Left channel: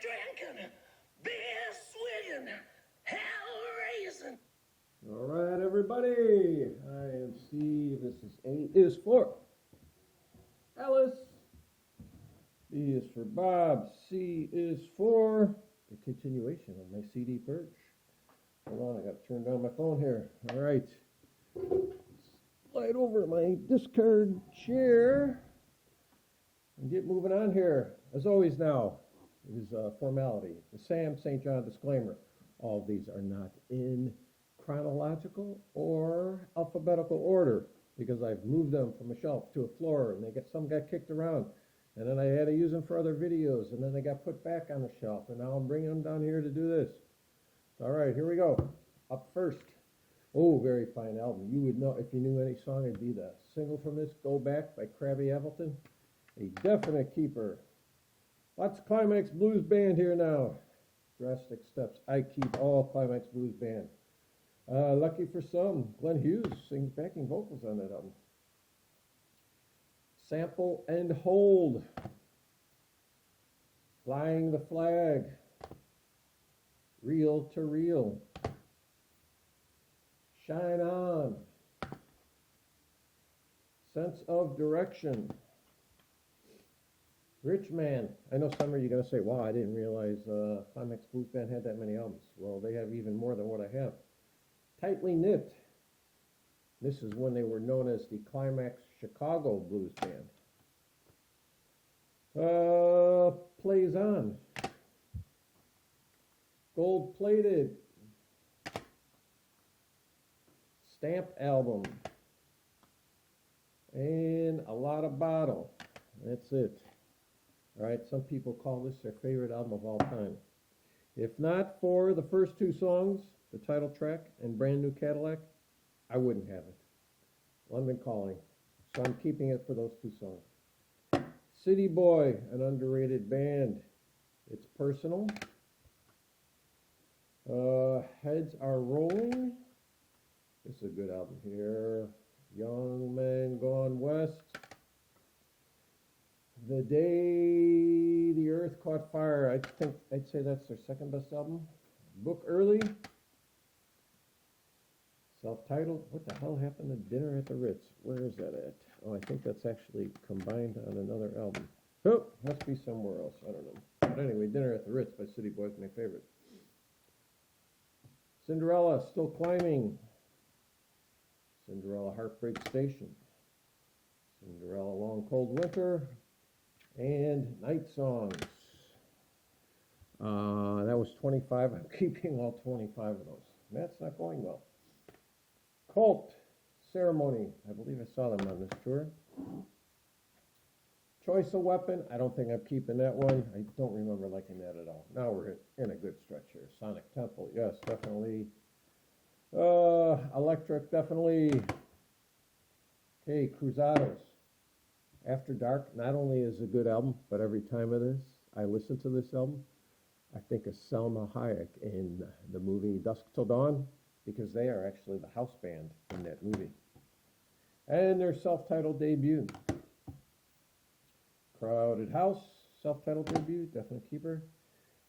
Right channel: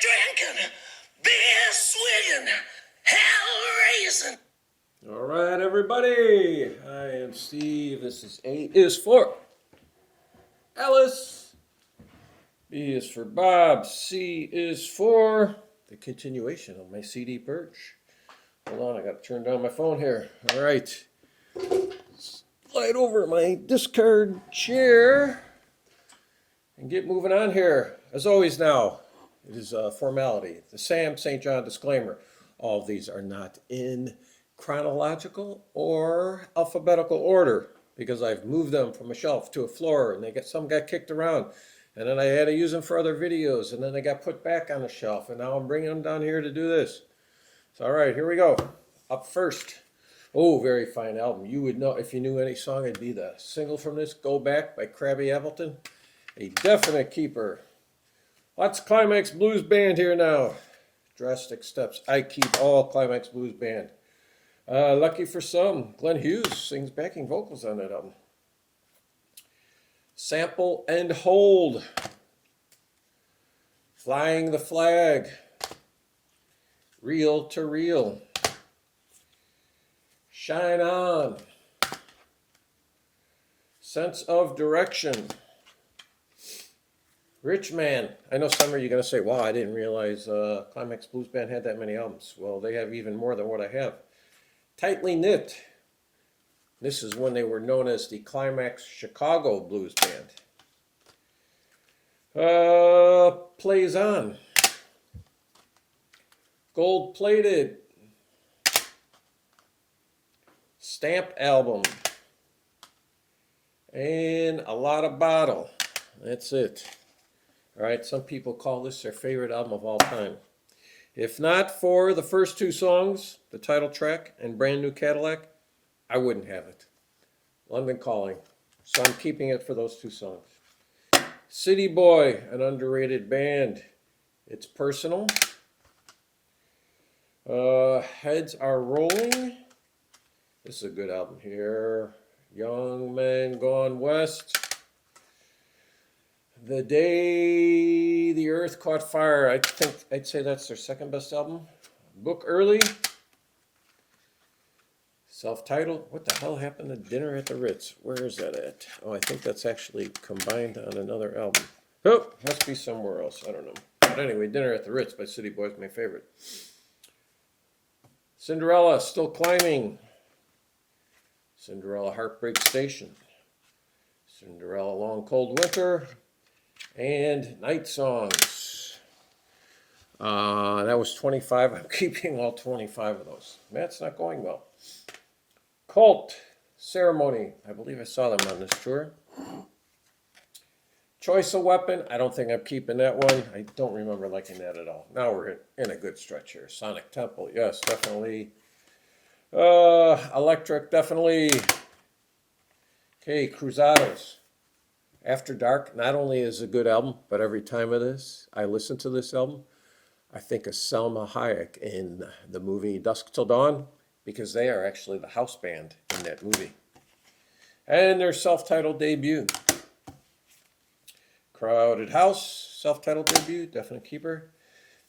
drinking, beer swigging, hell raising. All right, everybody. I am Steve. This is A is for Alice. B is for Bob. C is for the continuation of my CD Purge. Hold on, I got to turn down my phone here. All right. Slide over my discard chair and get moving on here. As always now, it is a formality. The Sam St. John disclaimer. All of these are not in chronological or alphabetical order because I've moved them from a shelf to a floor and some got kicked around. And then I had to use them for other videos, and then they got put back on the shelf, and now I'm bringing them down here to do this. So, all right, here we go. Up first. Oh, very fine album. You would know, if you knew any song, it'd be the single from this, Go Back by Krabby Appleton. A definite keeper. Lots of Climax Blues Band here now. Drastic steps. I keep all Climax Blues Band. Lucky for some, Glenn Hughes sings backing vocals on that album. Sample and Hold. Flying the Flag. Reel to Reel. Shine On. Sense of Direction. Rich Man. I know some of you are going to say, wow, I didn't realize Climax Blues Band had that many albums. Well, they have even more than what I have. Tightly Knit. This is when they were known as the Climax Chicago Blues Band. Plays On. Gold Plated. Stamp Album. And A Lot of Bottle. That's it. All right, some people call this their favorite album of all time. If not for the first two songs, the title track and Brand New Cadillac, I wouldn't have it. London Calling. So I'm keeping it for those two songs. City Boy, an underrated band. It's Personal. Heads Are Rolling. This is a good album here. Young Men Gone West. The Day the Earth Caught Fire. I think I'd say that's their second best album. Book Early. Self-titled. What the hell happened to Dinner at the Ritz? Where is that at? Oh, I think that's actually combined on another album. Oh, must be somewhere else. I don't know. But anyway, Dinner at the Ritz by City Boy is my favorite. Cinderella, Still Climbing. Cinderella, Heartbreak Station. Cinderella, Long Cold Winter. And Night Songs. That was 25. I'm keeping all 25 of those. That's not going well. Cult, Ceremony. I believe I saw them on this tour. Choice of Weapon. I don't think I'm keeping that one. I don't remember liking that at all. Now we're in a good stretch here. Sonic Temple. Yes, definitely. Electric, definitely. Okay, Cruzados. After Dark, not only is a good album, but every time I listen to this album, I think of Selma Hayek in the movie Dusk Till Dawn, because they are actually the house band in that movie. And their self-titled debut. Crowded House, self-titled debut, definite keeper.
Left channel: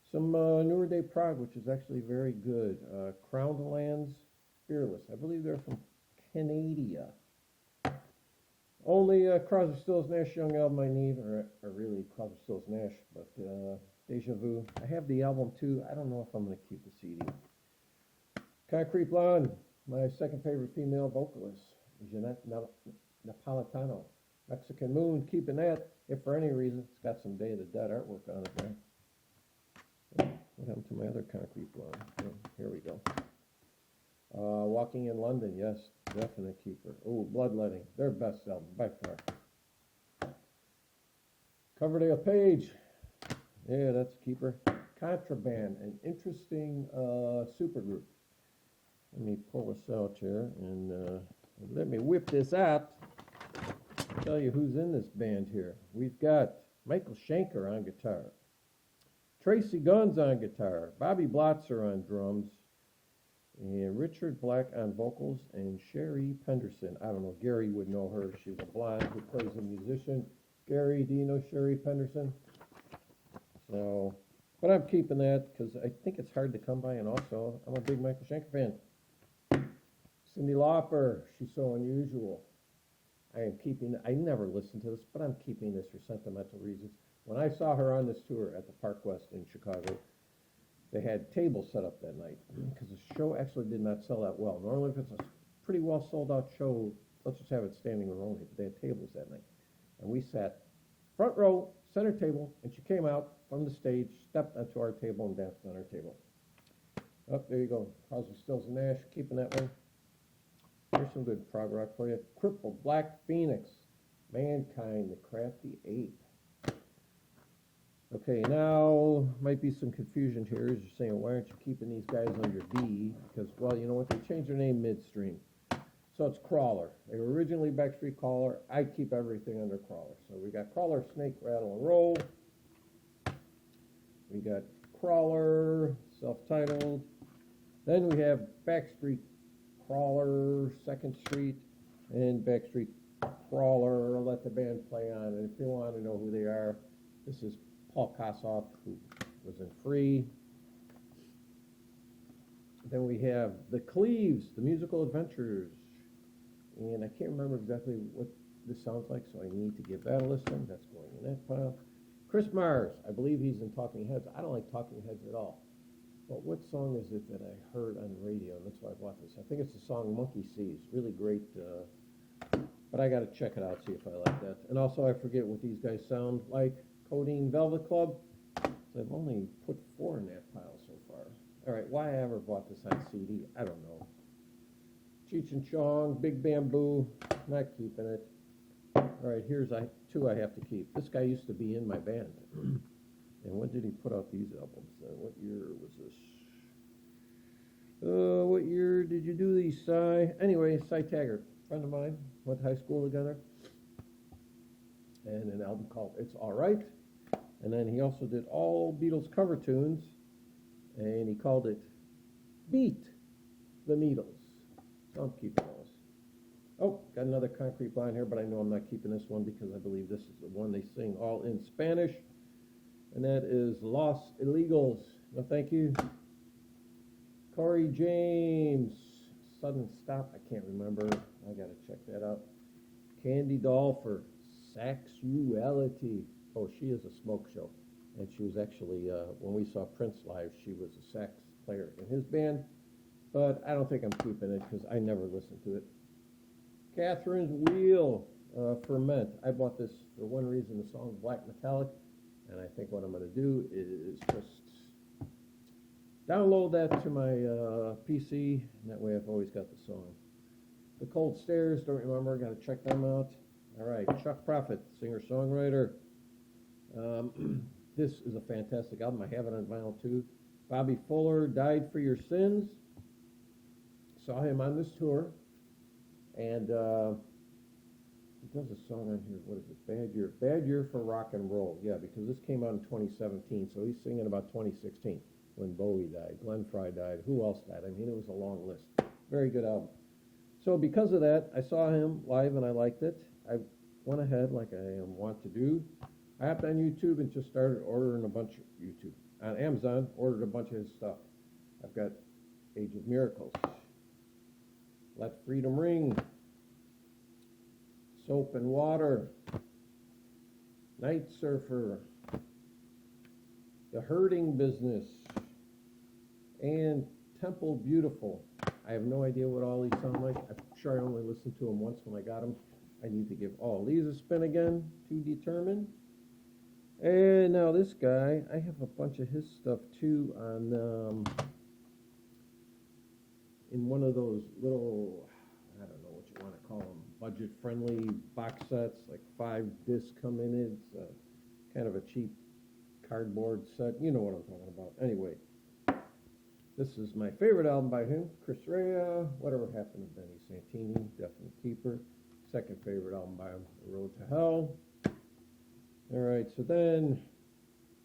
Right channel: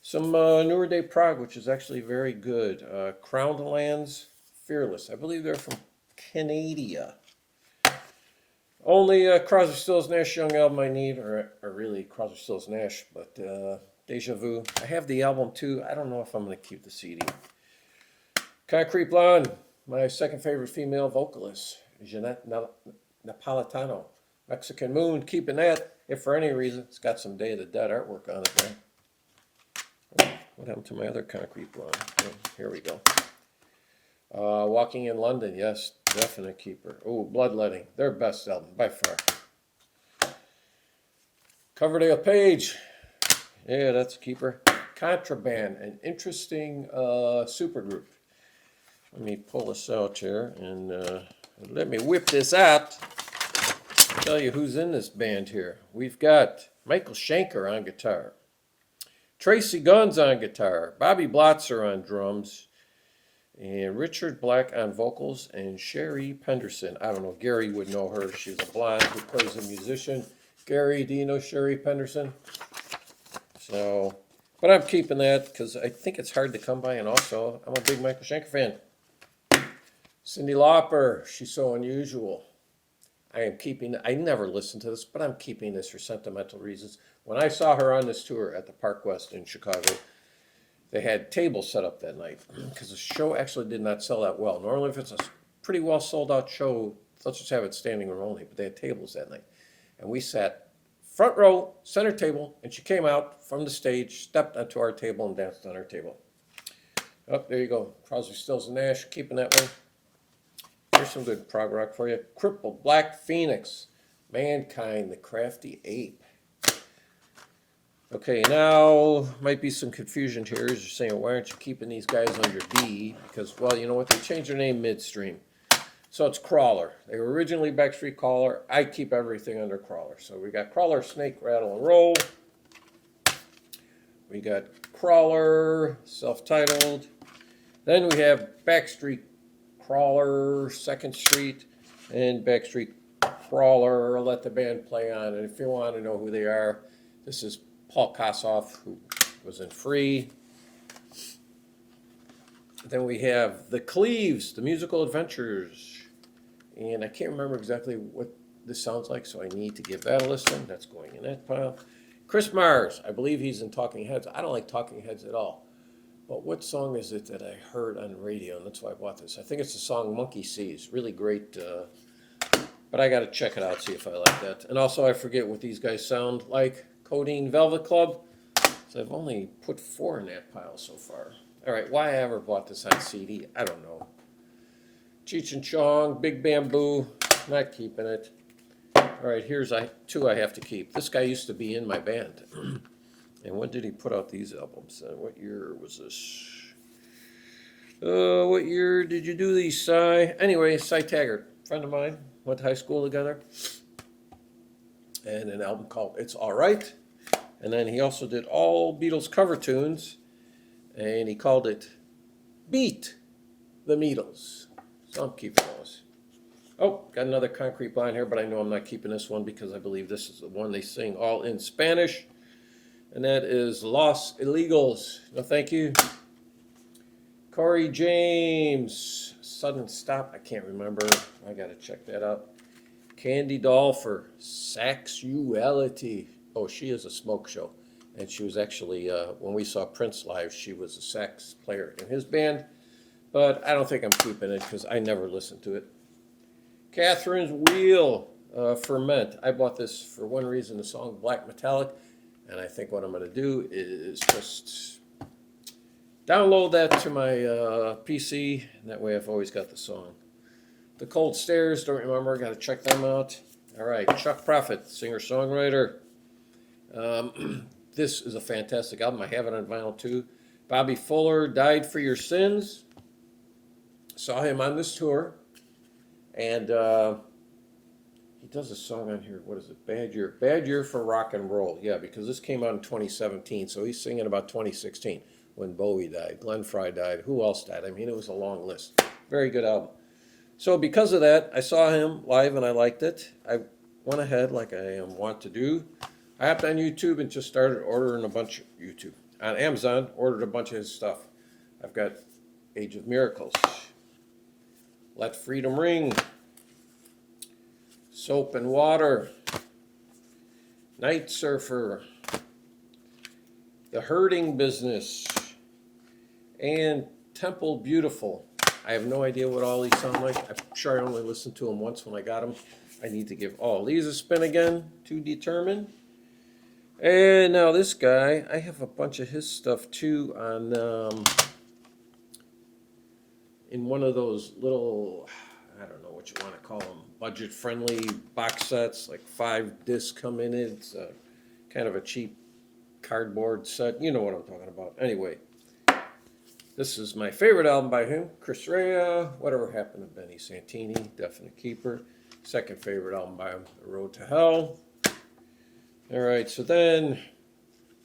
Some Newer Day Prague, which is actually very good. Crowned Lands, Fearless. I believe they're from Canada. Only Crosby, Stills, Nash Young album I need, or really Crosby, Stills, Nash, but Deja Vu. I have the album too. I don't know if I'm going to keep the CD. Concrete Blonde, my second favorite female vocalist, Jeanette Napolitano. Mexican Moon, keeping that, if for any reason. It's got some Day of the Dead artwork on it, man. What happened to my other Concrete Blonde? Oh, here we go. Walking in London, yes, definite keeper. Oh, Bloodletting, their best album, by far. Coverdale Page, yeah, that's a keeper. Contraband, an interesting supergroup. Let me pull this out here and let me whip this out. Tell you who's in this band here. We've got Michael Schenker on guitar, Tracy Guns on guitar, Bobby Blotzer on drums, and Richard Black on vocals, and Sherry Penderson. I don't know, Gary would know her. She's a blonde who plays a musician. Gary, do you know Sherry Penderson? So But I'm keeping that because I think it's hard to come by, and also I'm a big Michael Schenker fan. Cyndi Lauper, She's So Unusual. I never listened to this, but I'm keeping this for sentimental reasons. When I saw her on this tour at the Park West in Chicago, they had tables set up that night because the show actually did not sell that well. Normally, if it's a pretty well sold out show, let's just have it standing room only, but they had tables that night. And we sat front row, center table, and she came out from the stage, stepped onto our table, and danced on our table. Oh, there you go. Crosby, Stills, and Nash, keeping that one. Here's some good prog rock for you. Crippled, Black Phoenix, Mankind, The Crafty Ape. Okay, now might be some confusion here as you're saying, why aren't you keeping these guys under B? Because, well, you know what? They changed their name midstream. So it's Crawler. They were originally Backstreet Crawler. I keep everything under Crawler. So we got Crawler, Snake, Rattle, and Roll. We got Crawler, self-titled. Then we have Backstreet Crawler, Second Street, and Backstreet Crawler, Let the Band Play On. And if you want to know who they are, this is Paul Kossoff, who was in Free. Then we have The Cleaves, The Musical Adventures. And I can't remember exactly what this sounds like, so I need to give that a listen. That's going in that pile. Chris Mars, I believe he's in Talking Heads. I don't like Talking Heads at all. But what song is it that I heard on the radio? And that's why I bought this. I think it's the song Monkey Sees. Really great. But I got to check it out, see if I like that. And also, I forget what these guys sound like. Codeine Velvet Club. So I've only put 4 in that pile so far. All right, why I ever bought this on CD, I don't know. Cheech and Chong, Big Bamboo, not keeping it. All right, here's 2 I have to keep. This guy used to be in my band. And when did he put out these albums? What year was this? What year did you do these, Cy? Anyway, Cy Taggart, friend of mine, went to high school together. And an album called It's All Right. And then he also did all Beatles cover tunes. And he called it Beat the Beatles. So I'm keeping those. Oh, got another Concrete Blonde here, but I know I'm not keeping this one because I believe this is the one they sing all in Spanish. And that is Los Illegals. No, thank you. Corey James. Sudden Stop. I can't remember. I got to check that out. Candy Doll for Sexuality. Oh, she is a smoke show. And she was actually, when we saw Prince live, she was a sax player in his band. But I don't think I'm keeping it because I never listened to it. Catherine's Wheel, Ferment. I bought this for one reason, the song Black Metallic. And I think what I'm going to do is just download that to my PC. And that way I've always got the song. The Cold Stairs, don't remember. Got to check them out. All right, Chuck Prophet, singer-songwriter. This is a fantastic album. I have it on vinyl too. Bobby Fuller, Died for Your Sins. Saw him on this tour. And he does a song on here. What is it? Bad Year. Bad Year for Rock and Roll. Yeah, because this came out in 2017. So he's singing about 2016 when Bowie died. Glenn Frey died. Who else died? I mean, it was a long list. Very good album. So because of that, I saw him live and I liked it. I went ahead like I want to do. I hopped on YouTube and just started ordering a bunch of YouTube. On Amazon, ordered a bunch of his stuff. I've got Age of Miracles, Let Freedom Ring, Soap and Water, Night Surfer, The Hurting Business, and Temple Beautiful. I have no idea what all these sound like. I'm sure I only listened to them once when I got them. I need to give all these a spin again to determine. And now this guy, I have a bunch of his stuff too on in one of those little, I don't know what you want to call them, budget-friendly box sets, like 5 discs come in it. It's kind of a cheap cardboard set. You know what I'm talking about. Anyway, this is my favorite album by him, Chris Rea, Whatever Happened to Benny Santini, definite keeper. Second favorite album by him, The Road to Hell. All right, so then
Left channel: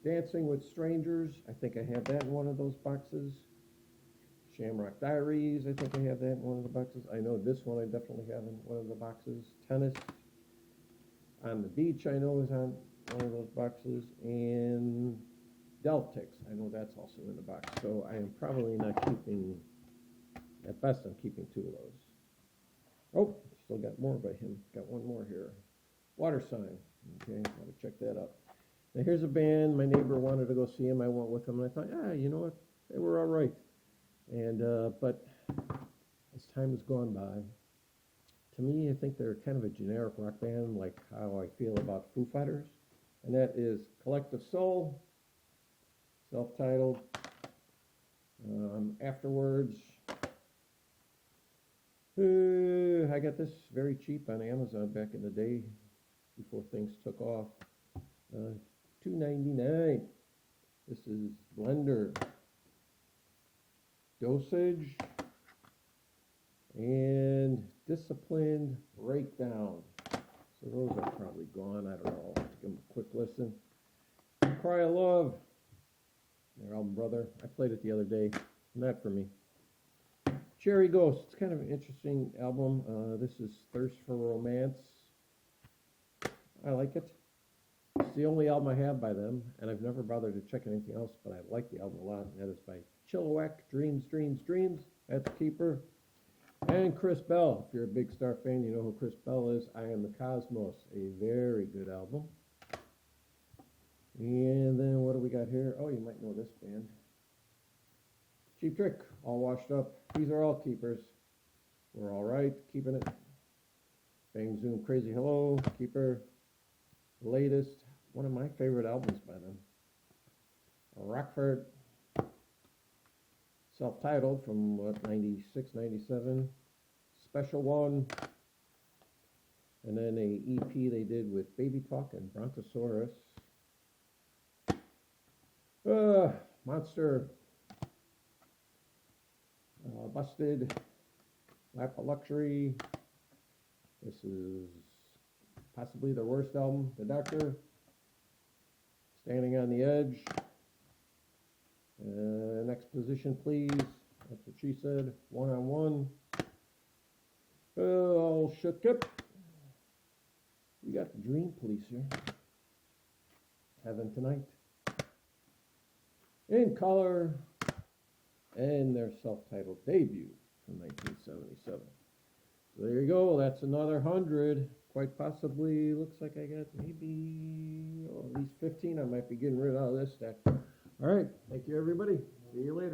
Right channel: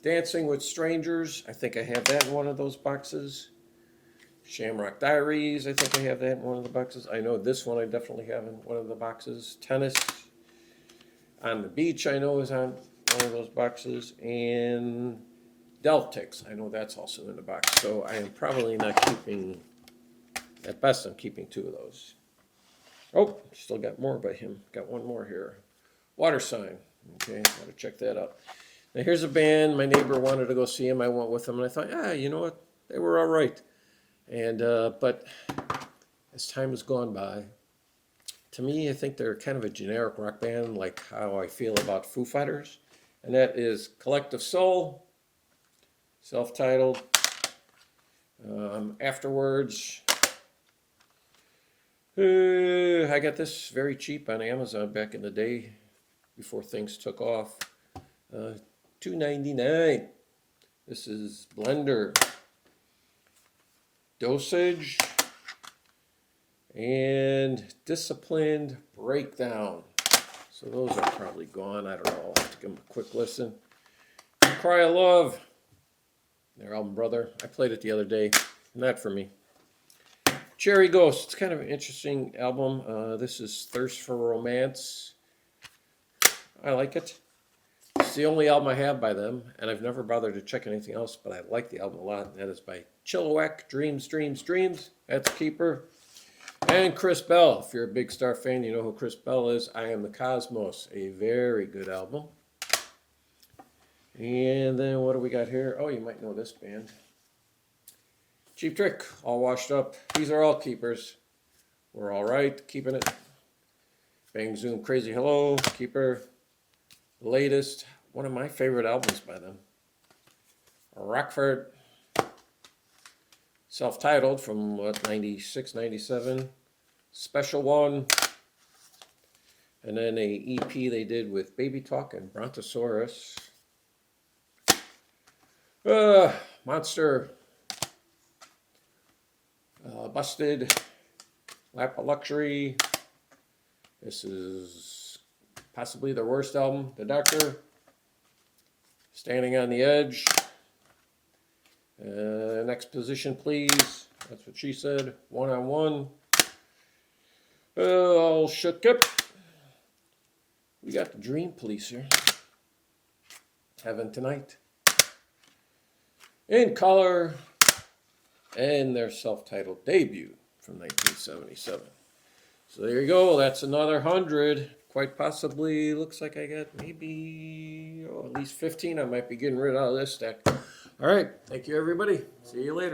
Dancing with Strangers, I think I have that in one of those boxes. Shamrock Diaries, I think I have that in one of the boxes. I know this one I definitely have in one of the boxes. Tennis on the Beach, I know, is on one of those boxes. And Deltics. I know that's also in the box. So I am probably not keeping, at best I'm keeping 2 of those. Oh, still got more by him. Got one more here. Water Sign. Okay, gotta check that out. Now here's a band. My neighbor wanted to go see him. I went with him, and I thought, yeah, you know what? They were all right. And but as time has gone by, to me, I think they're kind of a generic rock band, like how I feel about Foo Fighters. And that is Collective Soul, self-titled. Afterwards, I got this very cheap on Amazon back in the day, before things took off. $2.99. This is Blender, Dosage, and Disciplined Breakdown. So those are probably gone. I don't know. I'll have to give them a quick listen. Cry of Love, their album Brother. I played it the other day. Not for me. Cherry Ghost. It's kind of an interesting album. This is Thirst for Romance. I like it. It's the only album I have by them, and I've never bothered to check anything else, but I like the album a lot. And that is by Chilliwack, Dreams, Dreams, Dreams. That's a keeper. And Chris Bell. If you're a Big Star fan, you know who Chris Bell is. I Am the Cosmos. A very good album. And then what do we got here? Oh, you might know this band. Cheap Trick. All washed up. These are all keepers. We're all right. Keeping it. Bang Zoom Crazy Hello. Keeper. Latest. One of my favorite albums by them. Rockford. Self-titled from, what, 96, 97. Special One. And then a EP they did with Baby Talk and Brontosaurus. Monster. Busted. Lap of Luxury. This is possibly their worst album. The Doctor. Standing on the Edge. Next position, please. That's what she said. One on One. All shook up. We got the Dream Police here. Heaven Tonight. In Color. And their self-titled debut from 1977. So there you go. That's another 100. Quite possibly, looks like I got maybe at least 15. I might be getting rid of this stack. All right. Thank you, everybody. See you later.